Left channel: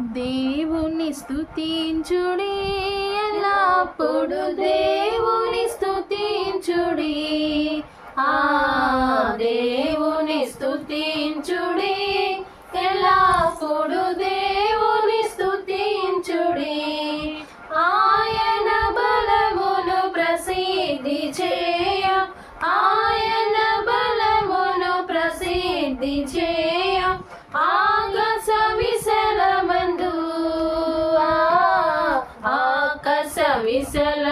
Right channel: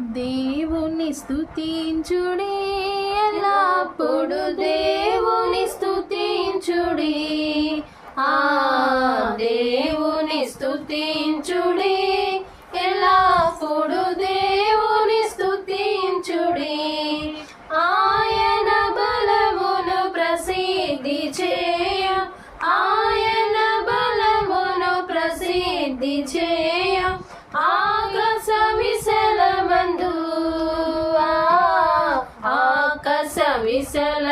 దేవుని స్తుతించుడి ఎల్లప్పుడు దేవుని స్తుతించుడి ఆ దేవుని స్తుతించుడి ఎల్లప్పుడు దేవుని స్తుతించుడి ఆయన బలమును ప్రసిద్ధి చేయ ఆయన బలమును ప్రసిద్ధి చేయ ఆకాశ విశలమందు ఆకాశ విశల